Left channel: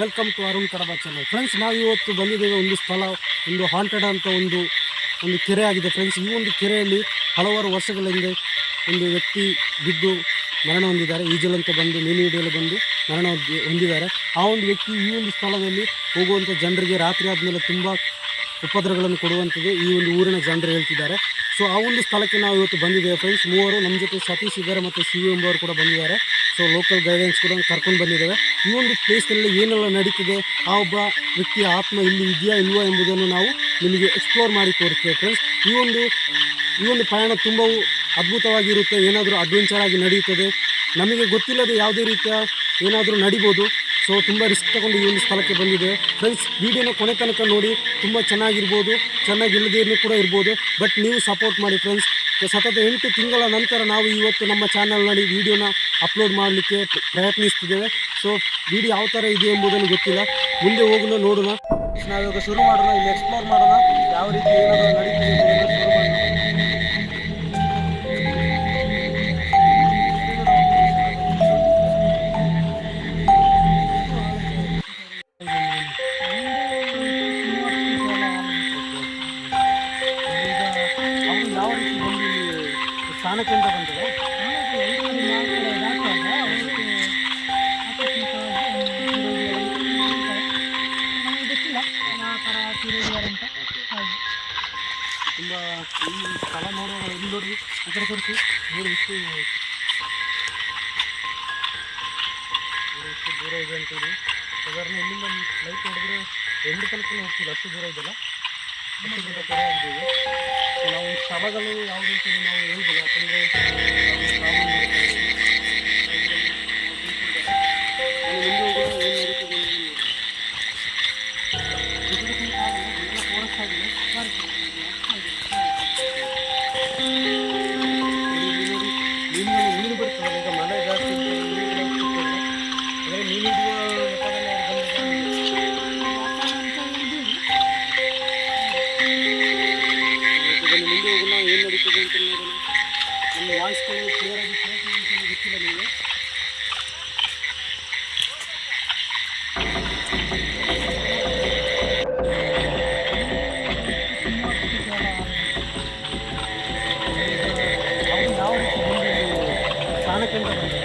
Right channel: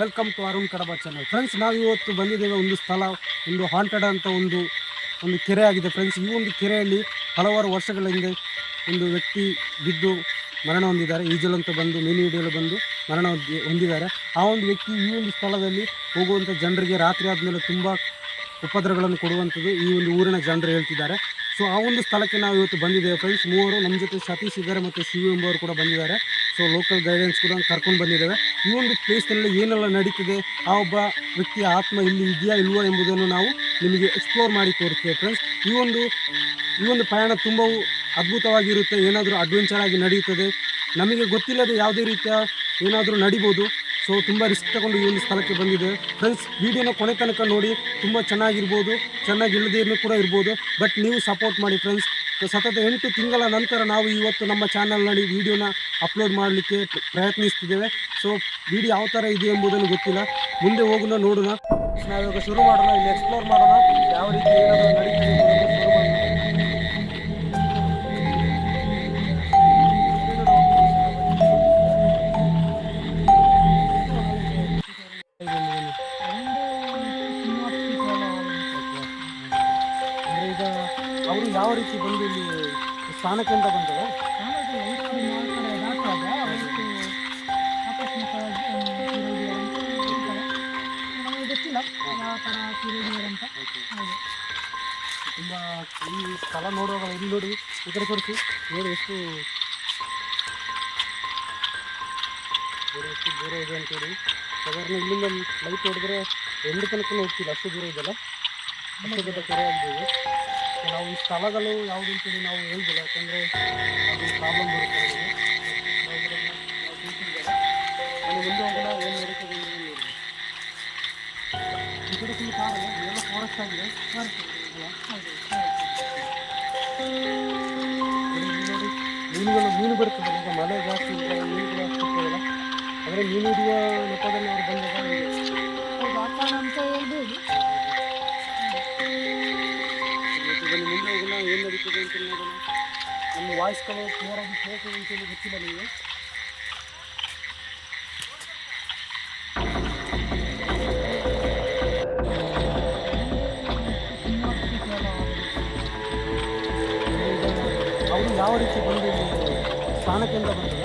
Welcome to Arun Kadaba channel. Friends, ನಾವು ಇವತ್ತು ಬಂದಿದ್ದೇವೆ ಒಂದು ಸ್ಥಳ, ಒಂದು ಹಾಂಟೆಡ್ ಅಂತ ಒಂದು ಕೆರೆ ಆಗಿದೆ. ಫ್ರೆಂಡ್ಸ್, ಈ ಒಂದು ಕೆರೆಯಲ್ಲಿ ಹಲವಾರು ವರ್ಷಗಳ ಹಿಂದೆ ಒಂದು ವ್ಯಕ್ತಿ ಬಿದ್ದು ಮರಣ ಹೊಂದಿದ್ದಾರೆ. ಈಜಲಂತ ಬಂದು ಮೀನು ಹಿಡಿಯಲು ಬಂದು ಮರಣ ಹೊಂದಿದ್ದಾರೆ. ಆ ಒಂದು ವ್ಯಕ್ತಿ ಈ ಒಂದು ಸ್ಥಳದಲ್ಲಿ ಹೋಗುವಂಥ ಜನರಿಗೆ ರಾತ್ರಿ ಆದಮೇಲೆ ತುಂಬ ಉಪದ್ರವಗಳನ್ನು ಕೊಡುವಂಥದ್ದು ಈ ಒಂದು ಊರಿನ ಜನರು ಹೇಳ್ತಿದ್ದಾರೆ. ಸೊ ಆ ಒಂದು ಸ್ಥಳಕ್ಕೆ ನಾವು ಇವತ್ತು ಬಂದಿದ್ದೇವೆ. ಫ್ರೆಂಡ್ಸ್, ಮೂವರು ನಮ್ಮ ಜೊತೆ ಸತೀಶ್ ಇದ್ದಾರೆ ಮತ್ತು ಸಿ.ವಿ. ಎಂಬವರು ಕೂಡ ಬಂದಿದ್ದಾರೆ. ಸೊ ಲೋಕಲ್ ಗೈಡೆನ್ಸ್ ಕೂಡ ಕರ್ಕೊಂಡು ಬಂದಿದ್ದೇವೆ. ಈ ಒಂದು ಪ್ಲೇಸ್ನಲ್ಲಿ ಏನೆಲ್ಲ ನಡೀತಿದೆ, ಆ ಒಬ್ಬ ವ್ಯಕ್ತಿಯ ಆತ್ಮ ಇಲ್ಲಿ ಇದೆಯಾ ಇಲ್ವಾ ಎಂಬುದನ್ನು ನಾವು ನಿಮಗೆ ಎಕ್ಸ್ಪ್ಲೋರ್ ಮಾಡಿ ತೋರಿಸ್ತೇವೆ. ಫ್ರೆಂಡ್ಸ್, ಈ ಒಂದು ಪ್ರಯಾಣ ತುಂಬ ಅದ್ಭುತವಾಗಿರುತ್ತೆ. ಏನಾದರೂ ಅಡ್ವೆಂಚರ್ ಆಗಿ ನಡೆಯುತ್ತದೆ. ನಮಗೆ ಗೊತ್ತಿಲ್ಲದೆ ಯಾವುದೇ ರೀತಿಯ ಏನಾದರೂ ನಡಿಬೋದು. ಸೊ ತುಂಬ ರಿಸ್ಕ್ ತಗೊಂಡು ಈ ಒಂದು ಸ್ಥಳಕ್ಕೆ ಬಂದಿದ್ದೇವೆ. ಫ್ರೆಂಡ್ಸ್, ವಿಡಿಯೋನ ಕೊನೆ ತನಕ ನೋಡಿ. ತುಂಬ ಚೆನ್ನಾಗಿರ್ಬೋದು, ಚೆನ್ನಾಗಿ ಇಲ್ಲದೇನು ಕೂಡ ಇರ್ಬೋದು. ಬಟ್ ನೀವು ಸಪೋರ್ಟ್ ಮಾಡಿ ಫ್ರೆಂಡ್ಸ್. ಸತತ 8 ತಿಂಗಳ ನಂತರ ನಾವು ಇವತ್ತು ನಮ್ಮ ಚಾನಲ್ನಲ್ಲಿ ವಿಡಿಯೋನ ಅಪ್ಲೋಡ್ ಮಾಡಲಿಕ್ಕೆ ಪ್ರಯತ್ನಿಸ್ತಿದ್ದೇವೆ. ಸೊ ವಿಡಿಯೋ ಯಾವ ಥರ ಇದೆ ಎಂಬುದನ್ನು ಗೊತ್ತಿಲ್ಲ. ಮುಂದೆ ಹೋಗೋಣ, ನೋಡೋಣ. ನಾವಿವಾಗ ಶುರು ಮಾಡೋಣ. ಇಲ್ಲಿ ಎಕ್ಸ್ಪ್ಲೋರ್ ಮಾಡೋಣ, ಯಾವ ರೀತಿ ಏನಾದರೂ ನಡೀತಿದೆ ಎಂಬುದನ್ನು ಶುರು ಮಾಡೋಣ. ಯಾವ ರೀತಿ ಬಂದು ಇಲ್ಲಿ ಸ್ಥಾನಕ್ಕೆ ಅಂತ ಬಂದದ ನಮಗೆ ಗೊತ್ತಿಲ್ಲ ಯಾವ ಥರ ತೀರಿದ್ದಾರೆ ಹೌದು. ತುಂಬ ಈ ಸ್ಥಳ ನೋಡುವಾಗ ಇಲ್ಲಿ ನೋಡಿ, ಈ ಕಡೆ ತೋರಿಸಿ ನೋಡಿ ಎಷ್ಟು ದೂರ ಇದೆ ಅಂತೇಳಿ. ಸಾಧಾರಣ ಇಲ್ಲಿಂದ ಲೈಟ್ ಹೊಡೆದ್ರೆ ಎಂಟು ತನಕ ಹೋಗ್ತಿಲ್ಲ, ಅಷ್ಟು ದೂರ ಇದೆಲ್ಲ, ಅಷ್ಟು ದೂರ ಕೆರೆ ಆಗಿದ್ದೇವೆ. ಸೊ ನಾವು ಈ ಸ್ಥಳಗಳು ಯಾವುದು ಅಂತೇಳಿ ನಾವು ಹೇಳ್ಬೋದು, ಯಾಕಂದರೆ ಅದು ಪ್ರಾಬ್ಲಮ್ ಬರುತ್ತೆ. ನಾನು ಮುಂದೆ ಹೋಗೋಣ, ಏನು ನಡೀತದೆ ಈ ಕಡೆ ಫುಲ್ ಕಾಡಲ್ಲ, ಎಲ್ಲ ಫಾರೆಸ್ಟ್ ಆಗಿದೆ. ಮೀನು ಬರ್ತದೆ. ಈಗ ಮಳೆ ಜಾಸ್ತಿ ಮೀನುಗಳು ಆಗ್ತಿರ್ತವಲ್ಲ, ಅಂದರೆ ಮೀನು ಹಿಡಿಯೋ ನೆಪದಲ್ಲಿ ಅವ್ರು ಬನ್ನಿ ಮುಂದೆ ಹೋಗೋಣ, ಏನು ನಡೀತದೆ ಅಂತ ನೋಡೋಣ. ನಮ್ಮ ವಾಯ್ಸ್ಗಳು ಕ್ಲಿಯರ್ ಆಗಿ ಕೇಳ್ತದೆ ಅಂತೇಳಿ ಗೊತ್ತಿಲ್ಲ ನಿಮಗೆ. ಅವರು ಯಾವ ರೀತಿ ಬಂದು ಸ್ಥಾನಕ್ಕೆ ಅಂತ ಬಂದಲ್ಲ,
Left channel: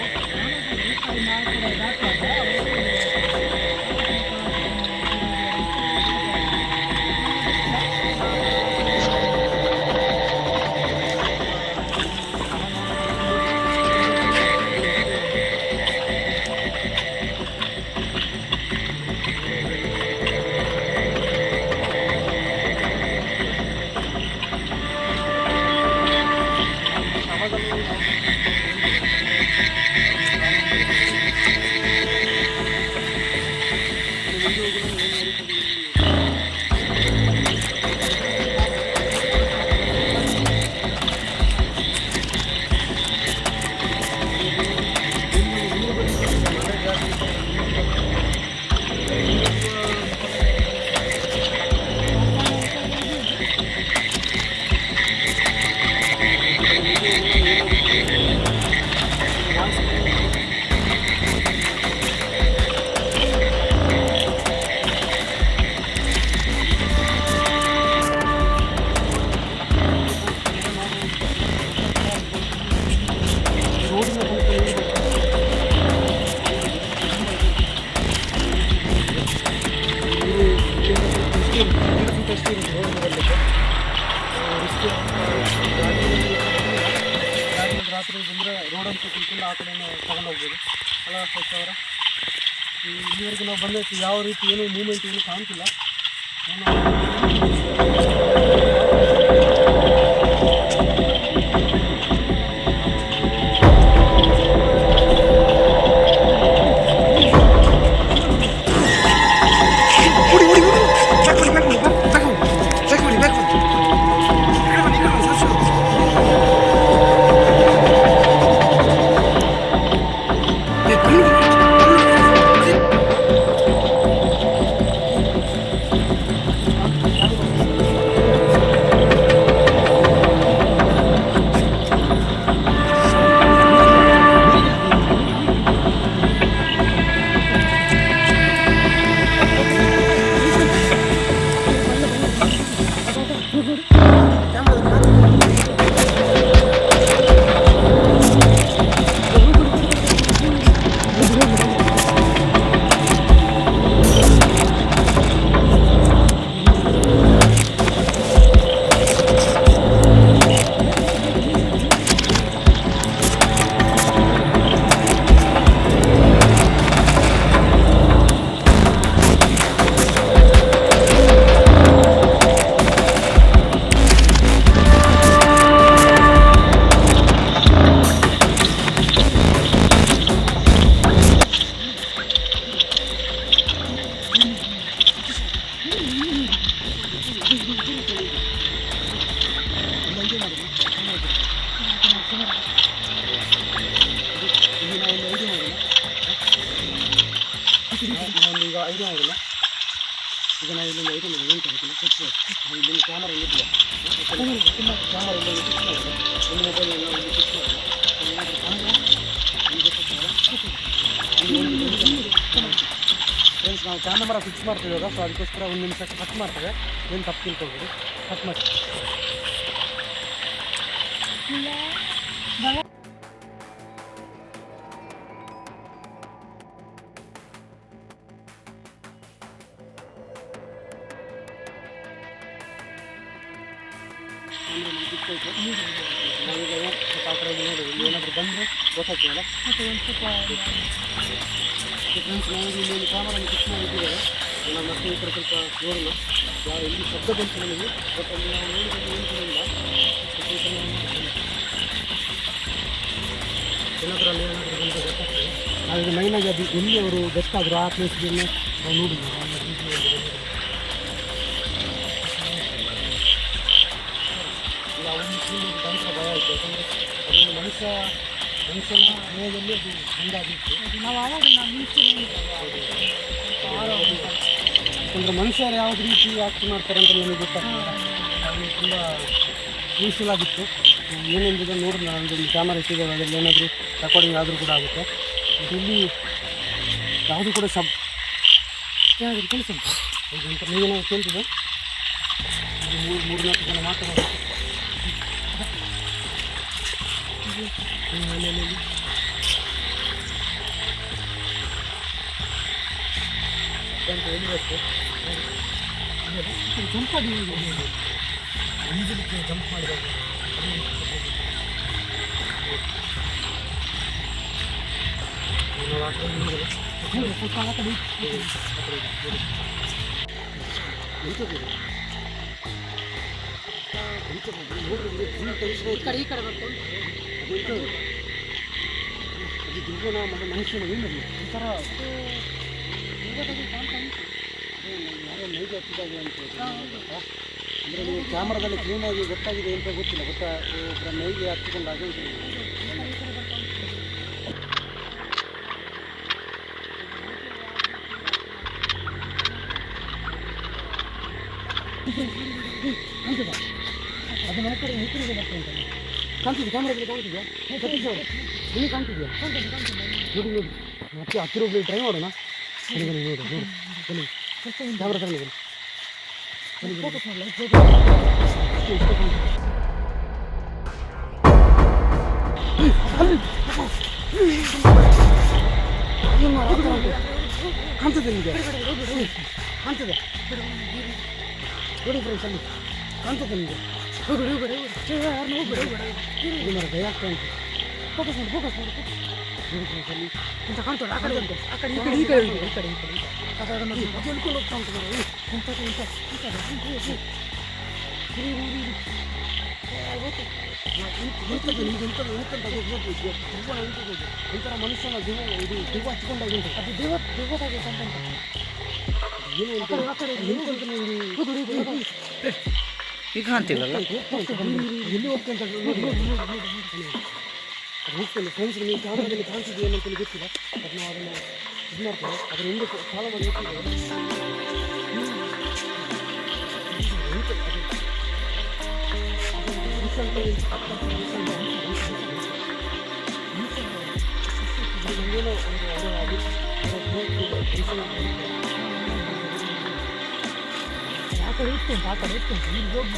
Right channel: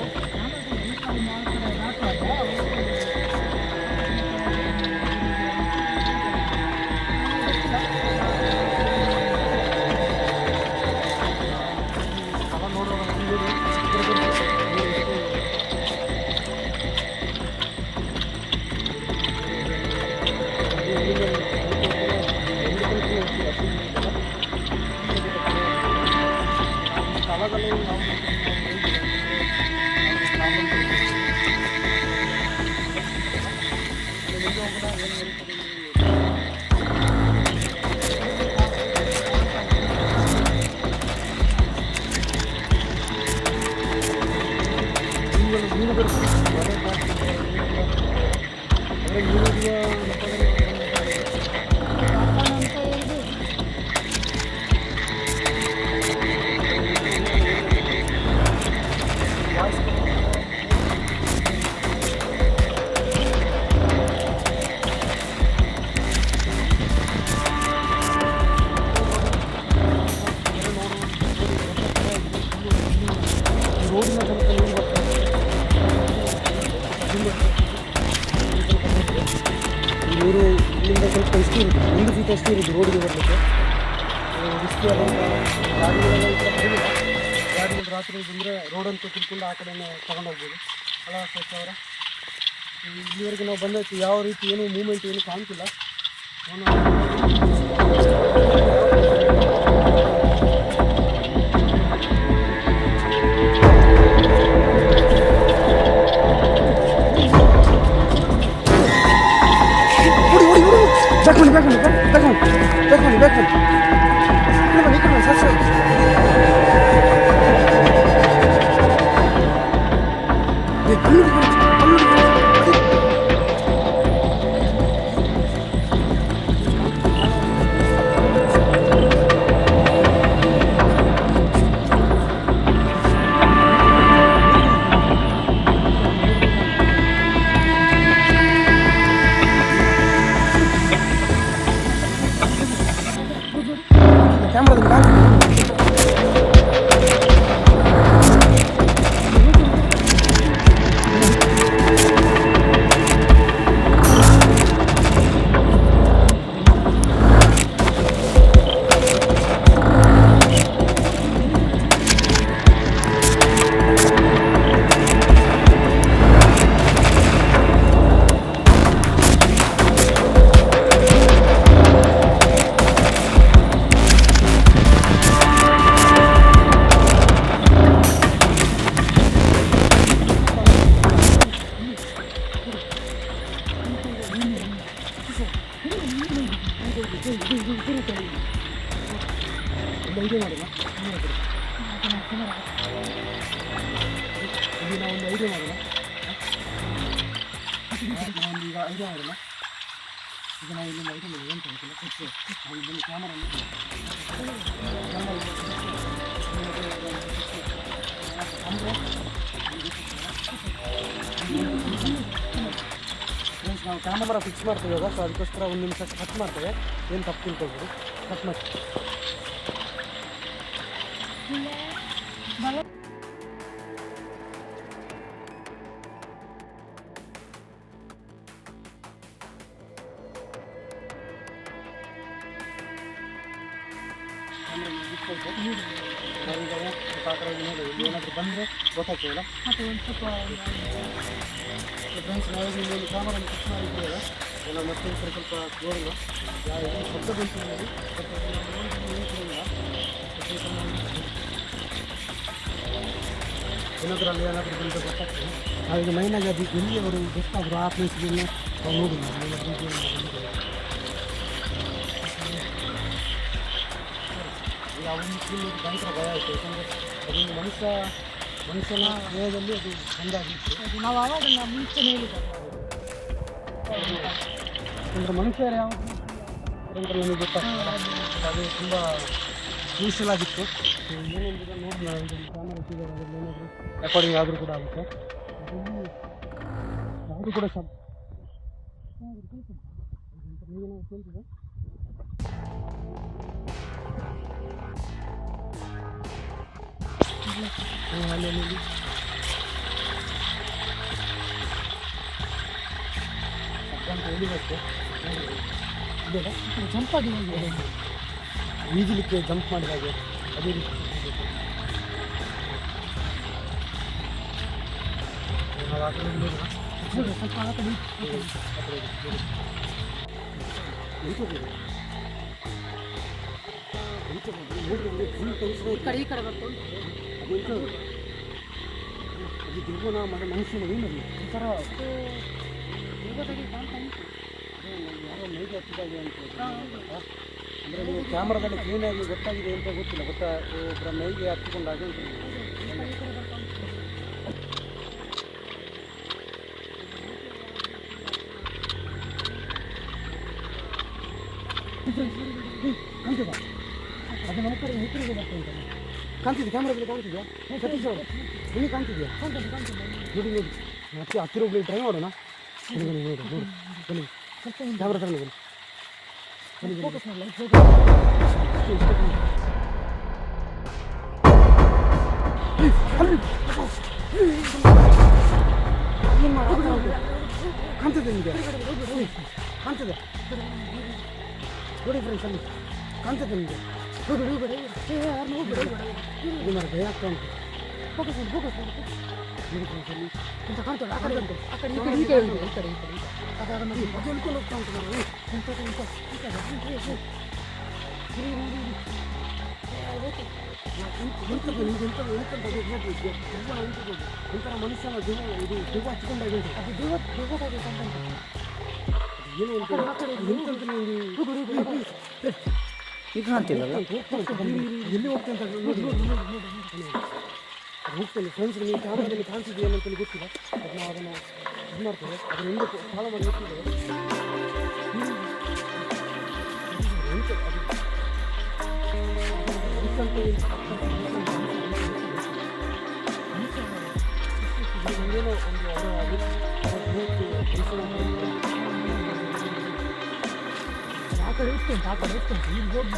ರೋಡಿನ ತನಕ ನೀರು ಬರ್ತದೆ. ನೀರು ಇಲ್ಲಿಂದ ಸ್ವಲ್ಪ ಎಷ್ಟು ಇರುತ್ತೆ, 1 ಫೀಟ್ ಎಷ್ಟು ಇರುತ್ತೆ ರೋಡಿಗೆ ಬರಲಿಕ್ಕೆ. ಎಷ್ಟು ಗಾಡಿಗಳೆಲ್ಲ ಈ ಕಡೆ ಬರಲಿಲ್ಲ. ಗಾಡಿಗಳು ರಾತ್ರಿ ಬಂದರೆ ರೋಡಂತ ತಿಳ್ಕೊಂಡು ಆ ಕಡೆ ತಗೊಂಡೋಗ್ಬೋದು. ಅಲ್ಲ ಸ್ವಚ್ಛ ಅವರ ಇಲ್ಲಿವರೆಗೆ ನಾವು ಬಂದೈತಿ ಯಾವ ರೀತಿ ಏನೂ ಮೂಮೆಂಟ್ ಏನೂ ಕಾಣ್ತಿಲ್ಲ. ಒಂದು ಈಗ ಐಡಿಯಾ ಮಾಡೋಲ್ಲ. ಈಗ ನಾವು ಇಲ್ಲಿಂದ ಐಡಿಯಾ ಮಾಡಿ ಏನು ತಗೋತಿಲ್ಲ ಫಸ್ಟ್ ನಾವು ಇಲ್ಲಿಂದ ಕ್ಯಾಮರಾ ಇಟ್ಟಿಲ್ಲ, ಕ್ಯಾಮರಾ ಇಲ್ಲಿಂದ ಫಿಕ್ಸ್ ಮಾಡಿಲ್ಲ, ಒಂದು ಮೊಬೈಲ್ ಎಲ್ಲ ಒಂದು ಫಿಕ್ಸ್ ಮಾಡಿಲ್ಲ, ಏನಾದರೂ ಅಂದರೆ ನಿಮಗೆ ಗೊತ್ತಾಗಲ್ಲ. ಫ್ರೆಂಡ್ಸ್ ನಾವು ಕ್ಯಾಮರಾ ಫಿಕ್ಸ್ ಮಾಡ್ತೀವಿ ಇವಾಗ, ಸೊ ಅದಕ್ಕೋಸ್ಕರ ಒಂದು ನಿಮಿಷ ಕಟ್ ಮಾಡ್ತೇವೆ, ಏನು ತಪ್ಪು ತಿಳ್ಕೊಬೋದು, ಕಟ್ ಮಾಡಿ. ಕ್ಯಾಮ್ರಾ ಫಿಕ್ಸ್ ಆಯಿತು. ನಾವೀಗ ಸ್ವಲ್ಪ ಆ ಕಡೆ ನೋಡಿ ಇಲ್ಲಿ ಏನಾದರೂ ಬಂದರೆ ಗೊತ್ತಾಗ್ತದಲ್ಲ. ಮತ್ತು ಒಂದು ಸ್ವಲ್ಪ ಫ್ರೆಂಡ್ಸ್ ನಾವೀಗ ಇಲ್ಲಿ ಕ್ಯಾಮರಾ ಫಿಕ್ಸ್ ಮಾಡಿದ್ದೀವಿ. ನಾವು ಮತ್ತೆ ಈ ಕಡೆ ಸ್ವಲ್ಪ ನೋಡೋಣ, ಎಲ್ಲಿ ಶಬ್ದ ಬಂತು ನಮಗೆ, ಬಟ್ ಅಲ್ಲಿ ನಾವು ನೋಡಿದ್ರೆ ಏನು ಕೂಡ ಇಲ್ಲ. ಏನಾದರೂ ಬಂದರೆ ಗೊತ್ತಾಗ್ತದೆ. ನಾವೀಗ ಮೈನಾಗಿ ಅದು ಎಲ್ಲಿ ಅವರು ಗೊತ್ತಾದರೂ ಆ ಪ್ಲೇಸ್ಗೆ ನಾವು ನೋಡಿಲ್ಲ. ಇಲ್ಲ ಒಂದು ಫುಲ್ ಭಯಂಕರ ಭಯ ಆಯಿತು, ಯಾಕಂದರೆ ಅದೊಂದು ಮನುಷ್ಯನ ದೇಹದಲ್ಲಿ ಅದು ಬಂದಾಗಿತ್ತು. ನಾವು ಆವಾಗ ಮುಂಚೆ ಹೇಳಿದ್ದೇವೆ, ಯಾಕಂದರೆ ಮನುಷ್ಯರು ಯಾವ ರೀತಿ ಆಕ್ಟ್ ಮಾಡ್ತಾರೆ ಅಂತ ನಮಗೆ ಗೊತ್ತಾಗ್ತದೆ. ಅದು ತುಂಬ ಯೂಸ್ಫುಲ್ ಆಗಿತ್ತು. ಏನೆಂದ್ರೆ ನೋಡಿ ನಮ್ಮದು ಕ್ಯಾಮರಾ ಇಟ್ಟಿದ್ದೇವೆ, ಅದರಲ್ಲಿ ಏನಾದರೂ ರೆಕಾರ್ಡಿಂಗ್ ಆದರೂ ಕೂಡ ಆಗುತ್ತೆ. ಇಲ್ಲಿ ಯಾವುದು ಕೂಡ ಏನಾದರೂ ಕೆಲಸ ಉಂಟು ಅಂತ ನೀವೇನಾದ್ರು ಕೇಳ್ತಿದ್ದೆ. ಮೂರು ಮಾತಾಡೋದು ಹೇಳಿಬೇಕು. ಜಂಪ್ ಆಗಿ ಈಜಲಿಕ್ಕೆ ಜಂಪ್ ಮಾಡಿದಾಗ ಅದೇ ರೀತಿ ನಾವು ಆ ಕಡೆ ನೋಡೋಣ. ಸ್ವಲ್ಪ ಆ ಕಡೆ ಈ ಕಡೆ ಬರ್ತು. ಅದು ದುರ್ಗುಣ ಮತ್ತು ಮನುಷ್ಯನ ಏನಲ್ಲಿ ಒಂಥರ ಯಾರೋ ನೈಜ ಹತ್ತಿದಾಗ ಅಂತ ಅಂದರೆ ನೀವು ಕ್ಯಾಮ್ರಾದಲ್ಲಿ ಕ್ಲೀನಾಗಿ ಗೊತ್ತಾಗಿದೆ ಅಂತ ಗೊತ್ತಿಲ್ಲ, ಒಬ್ಬರ ಮೈಗೆ ಹತ್ತಿಕೊಂಡಾಗ ಅಂತ ಕಾಣ್ತದ. ಅದು ನಮ್ಮ ಕಡೆ ಹೆಸರಿಗೆ ಬರ್ತಾ ಉಂಟಲ್ಲ, ಕಾಣ್ತಿದ್ದೆ ಕ್ಯಾಮ್ರಾದಲ್ಲಿ ಕಾಣ್ತಿದ್ಯಾ? ಸತೀಶ್ ಅವರು ನಿಮಗೆ ಕಾಣ್ತಿದ್ಯಾ? ನೋಡಿ ನೋಡಿ ಮತ್ತೆ ಹತ್ತಿರ ಒಬ್ಬರು ಟ್ರೈ ಮಾಡೋಣ. ಬನ್ನಿ ಬನ್ನಿ ನೋಡಿ ನೋಡಿ ಬನ್ನಿ ಕ್ಯಾಮ್ರಾ ತಗೊಂಡು ಬನ್ನಿ ಕಾಣ್ತದೆ ನಿಮಗೆ? ಕಾಣ್ತದೆ ನೋಡಿ ಫ್ರೆಂಡ್ಸ್, ಅಲ್ಲಿ ಕಾಣ್ತದೆ ನಿಮಗೆ? ಭಯ ಆಗ್ತಾ ಉಂಟು. ಅಂತ ಕಾಣ್ತದೆ ಆ ಕಡೆ ಉಂಟು, ಆ ಕಡೆ ಈ ಕಡೆ ಈ ಕಡೆ ಉಂಟು, ಈ ಕಡೆ ಈ ಕಡೆ ಆ ಕಡೆ ಮಾಡಿ ಅದಕ್ಕೆ ಹೋಗ್ತಾ ಉಂಟು ನೋಡಿ. ಒಂಥರ ಮನುಷ್ಯನ ಜೀವ ಇದು ಜೀವ ಹಚ್ಕೊಂಡಾಗ ಉಂಟು. ಅದು ಜೀವ ಏನು ಈಗ ಕಾಣ್ತಿಲ್ಲಲ್ಲ, ಎಲ್ಲಿ ಹೋಗ್ತಂತ ಹೋಗ್ತೇನೆ. ಫ್ರೆಂಡ್ಸ್ ನೀವು ಕ್ಯಾಮ್ರಾದಲ್ಲಿ ಕಾಣಿಸಿದ್ದು ಏನಂತ ಗೊತ್ತಿಲ್ಲ, ಬಟ್ ನಾವು ಅದನ್ನು ಇದು ಮಾಡ್ತೇವೆ, ಅದನ್ನು ಹಿಂದೆ ಫಾಲೋ ಮಾಡಿ ಹೋಗ್ತಿದ್ದೇವೆ. ನಮಗೇನೋ ಒಂದು ಆ ಕಡೆ ಇತ್ತು ಆ ಕಡೆ ಇತ್ತು ಇಲ್ಲಿ ಹೋಗಿ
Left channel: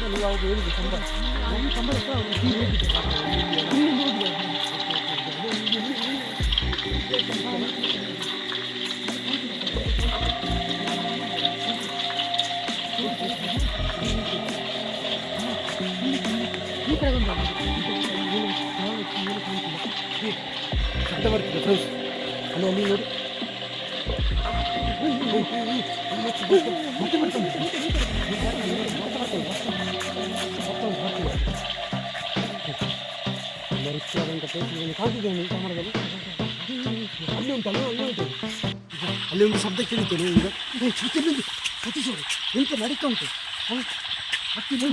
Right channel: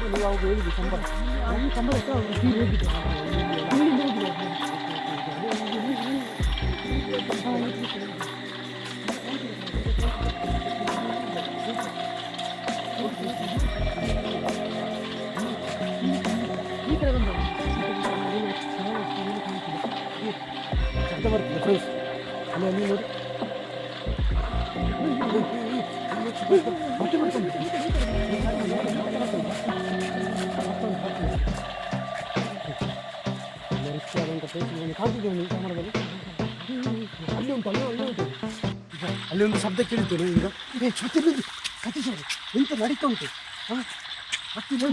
ನೀವು ಅವಾಗ ಹೇಳಿದ್ದು ಸಂಬಳ ಅಲ್ಲಿ ಸಂಬಳ ಹೋಗಿದ್ದೆ ಈ ಕಡೆ ಶಬ್ದ ಬರ್ತದೆ ಫ್ರೆಂಡ್ಸ್, ಅಲ್ಲಿ ಅಲ್ಲಿ ನೋಡಿ ಮತ್ತೆ ಬರ್ತದೆ. ರಿಚ್ ಆದಂಥ ಪ್ಲೇಸ್ ಕಾಣ್ತಿದ್ದೇನೆ ಕ್ಯಾಮರಾದಲ್ಲಿ. ಅಲ್ಲಿ ಉಂಟು, ಅಲ್ಲಿ ಉಂಟು, ಅಲ್ಲಿ ಒಂದು ಶಬ್ದ ಕೇಳಿದ್ದೇನೆ ಈಗ. ಸತೀಶ್ ಅವರು ಎಂತ ನಡೀತಾ ಉಂಟು. ಹತ್ತಿ ನೋಡಿ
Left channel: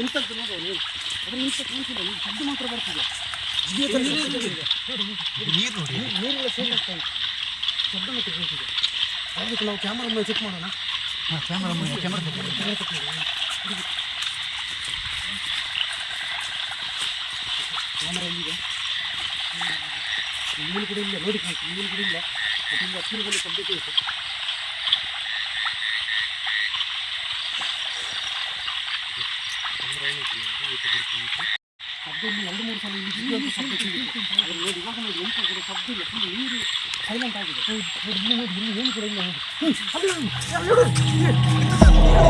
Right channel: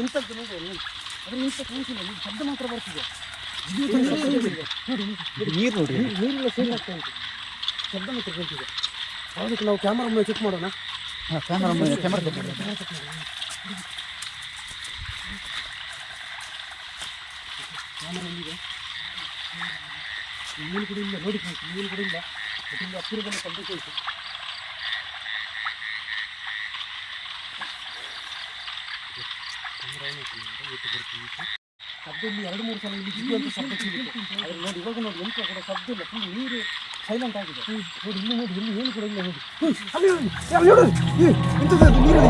ನಿಂತಂತ ನೋಡು ಅದ್ರ ನಿಂತ ಕಾಣಿಸಿಲ್ಲ ಈ ಶಬ್ದ ಮಾತ್ರ ಬರ್ತಿದೆ ನೀರು ನೋಡಿ ನೀರಿನ ಸೇರಿ ಆಗ್ತಾ ಉಂಟು ಶಬ್ದ ಮಾತ್ರ ಬರ್ತಿದೆ ಅದಕ್ಕೆ ನಾವು ಕ್ಯಾಮರಾ ಮೇಲೆ ಚೆಕ್ ಮಾಡೋಣ ಕ್ಯಾಮರಾ ಎಲ್ಲಿದೆ ನೀನು ಕೂಡ ಇಲ್ಲ ನೋಡಿ ನೀನು ಕೂಡ ಇಲ್ಲ ತುಂಬ ಹತ್ತಿರದಲ್ಲಿ ಶಬ್ದ ಕೇಳಿತು ಶಬ್ದ ಇಲ್ಲಿ 2-3 ಸಲ ಇಲ್ಲಿ ಬಿದ್ದು ಶಬ್ದ ಕೇಳಿತು ಅದ್ರ ನೋಡಿ ಇವಾಗ ನೋಡಿ ಎಂತ ಕೂಡ ಶಬ್ದ ಇಲ್ಲ ಫುಲ್ ನೀರು ಸೈಲೆಂಟ್ ಆಗಿದೆ ನೋಡಿ ಇಲ್ಲಿ ನೋಡಿ ಇಲ್ಲಿ ಏನು ಕೂಡ ಇಲ್ಲ ನೋಡಿ ಅಲ್ಲಿ ನೋಡಿ ಎಂತದ್ದು ಅದು ನೀರು